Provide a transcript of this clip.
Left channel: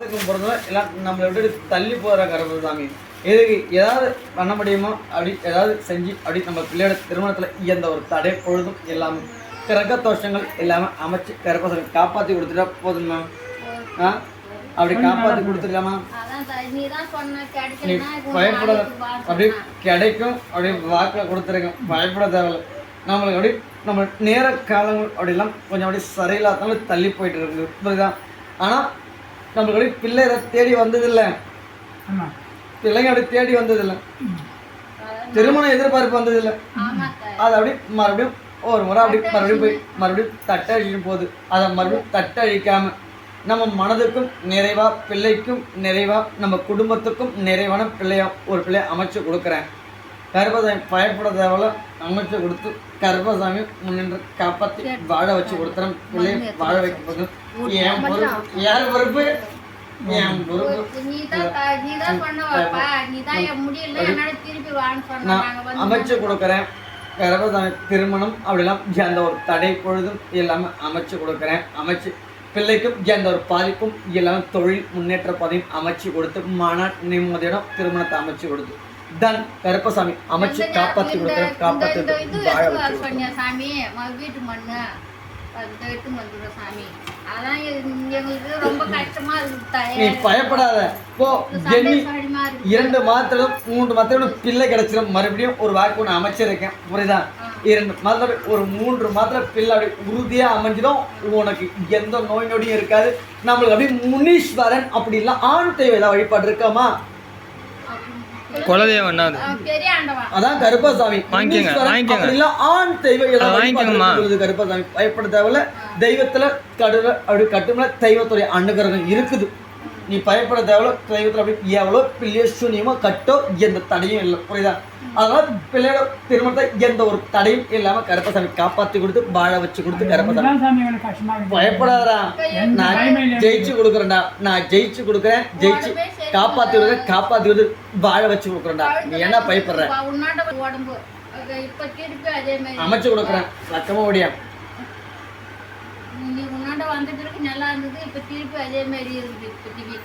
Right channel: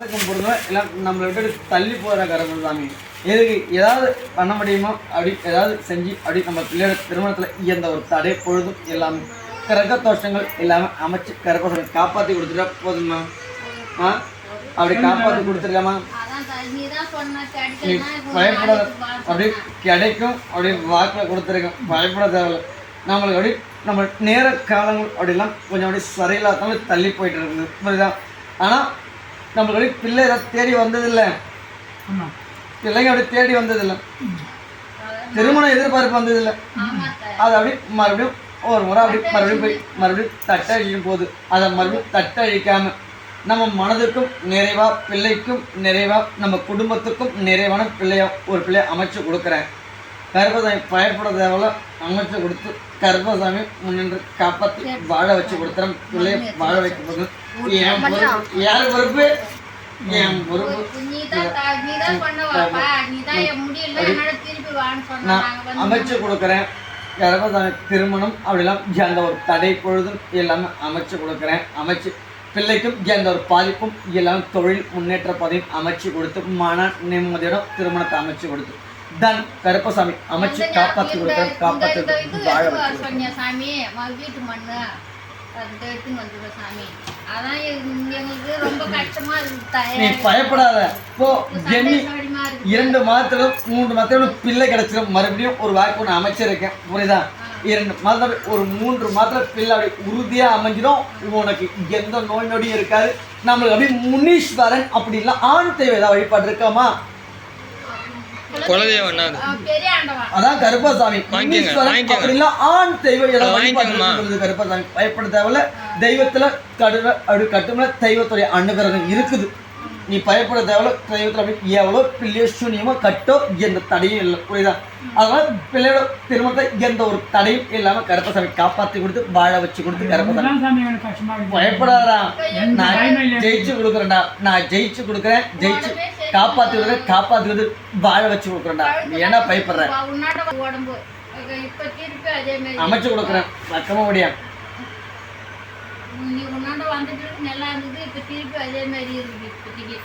பொறுத்தவரை எல்லாம் நம்மளை விட்டு தள்ளி போகிற கருப்பசாமி எதுக்கு ஏதாவது பண்ண முடியுமோ அப்படி ஏதாவது செஞ்சு அப்படி நம்ம பிள்ளையோட திருமணத்தில் எந்த ஒரு தடை பொழுதும் எல்லாமே கிரக தோஷங்கள் எல்லாமே அமைச்சு கருப்பசாமி காப்பாற்றி கொடுத்துட்டா போதுமா? அப்படி காப்பாற்றி கொடுத்துருக்காமா? நீ பயப்பட அப்படி கிடைக்கும் அப்படி வாக்கில் கொடுத்துருக்கோம், பயப்பட தேவையில்லை. நம்மளுக்கு அப்படி நம்ம நேர காலங்கள் அப்படிலாம் கொஞ்சம் அப்படி சரியில்லாதவங்க தள்ளி போயிட்டு இருக்குது, புரியுதான்? ஆனால் நம்மளுக்கு அப்படி பிள்ளை தேடி வந்ததில்லை, பிள்ளைங்க அப்படி தேடி வந்ததில்லை, திருமணம் எதிர்பார்ப்பு வந்ததில்லை. அது அப்படி மறுபடியும் ஒரு முறை அப்படி மறுபடியும் போய் மறுபடியும் தட்டழிச்சு போகுது. அதை மறுபடியும் தட்டழிக்காம நம்ம மனதுக்கும் நிறைவா, பிள்ளைக்கும் நிறைவா, நம்ம குடும்பத்துக்கும் நிறைவான ஒரு பிள்ளையை அமைச்சு கொடுக்குறேன். கருப்பசாமி பயப்பட தேவையில்ல, அமைச்சு கொடுத்து கருப்பசாமி முன்னின்று காப்பாற்றி வாழ வச்சு கொடுத்துறேன். பிள்ளையை வாழ வைக்கும்போது என் பொறுப்பு, யார் பொறுப்பு? என் பொறுப்பு. நான் அமைச்சு கொடுக்குறேன். கருப்பசாமி திருமணம் அப்படிலாம் எந்த ஒரு தடை பொழுதும் எல்லாமே அமைச்சு கொடுக்குறேன். அமைச்சு பிள்ளைக்கும் எந்த ஒரு பாதிப்பும் எல்லாமே தொழில் முன்னேற்ற பதவியும் அமைச்சு கொடுத்து மன நிம்மதியோட திருமணத்தை அமைச்சு கொடுத்து தன் கருப்பசாமி அமைச்சு காப்பாற்றி கொடுக்குறேன். காப்பாற்றி நீ பயப்படாத. இப்போ 2 மாதத்திலும் 3 மாதத்திலும் பிள்ளை கிடைச்சிடும். மறுபடியும் ஒரு வாய்ப்பு ஒன்று அமைச்சிருக்கேன், புரியுதா? 2 மாதத்துல ஒரு 3 மாதத்துல பிள்ளை அப்படி உறுதியாக அமைஞ்சிடும். உனக்கு எந்த நோய் நொடியும் இருக்காது. நம்மளுக்கு அப்படி முனீஸ்வரன் அப்படிலாம் ஆண் தெய்வம் ஏதாவது வழிபாடு இருக்காமா? அதான் கருப்பசாமி அப்படிலாம் ஆண் தெய்வம் ஏதாவது கருப்பசாமி பயப்பட தேவையில்ல. தெய்வத்துல கட்டுமல தெய்வத்துடைய அனுகிரகம் இருக்குது. நீ பயப்பட தேவையில்ல. தெய்வத்தில் அப்படி எவ்வளோ பிள்ளையோ சூனியமோ கட்டோ எந்த தடையும் இல்லை, புரியுதா? அதனால பிள்ளையோட திருமணத்தை எந்த ஒரு தடையும் இல்லாம கருப்பசாமி காப்பாற்றி கொடுத்து வாழ வச்சு கொடுத்து கருப்பசாமி பயப்படாதா. நான் ஜெயிச்சு கொடுக்குறேன்டா, நான் ஜெயிச்சு கொடுக்குறேன், ஜெயிச்சு காப்பாற்றி கொடுக்குறேன், காப்பாற்றி கொடுத்து வாழ வச்சு கொடுக்குறேன்டா. நீ ஏன்னா பயப்படுற? அமைச்சு கொடுக்குறேன், சத்தமா ஓடியா. நீ உன்னாண்ட வந்துட்டு நல்லா இருந்தது, இப்ப திருப்பி அதே மாதிரி இருக்குது இப்போதைக்கு.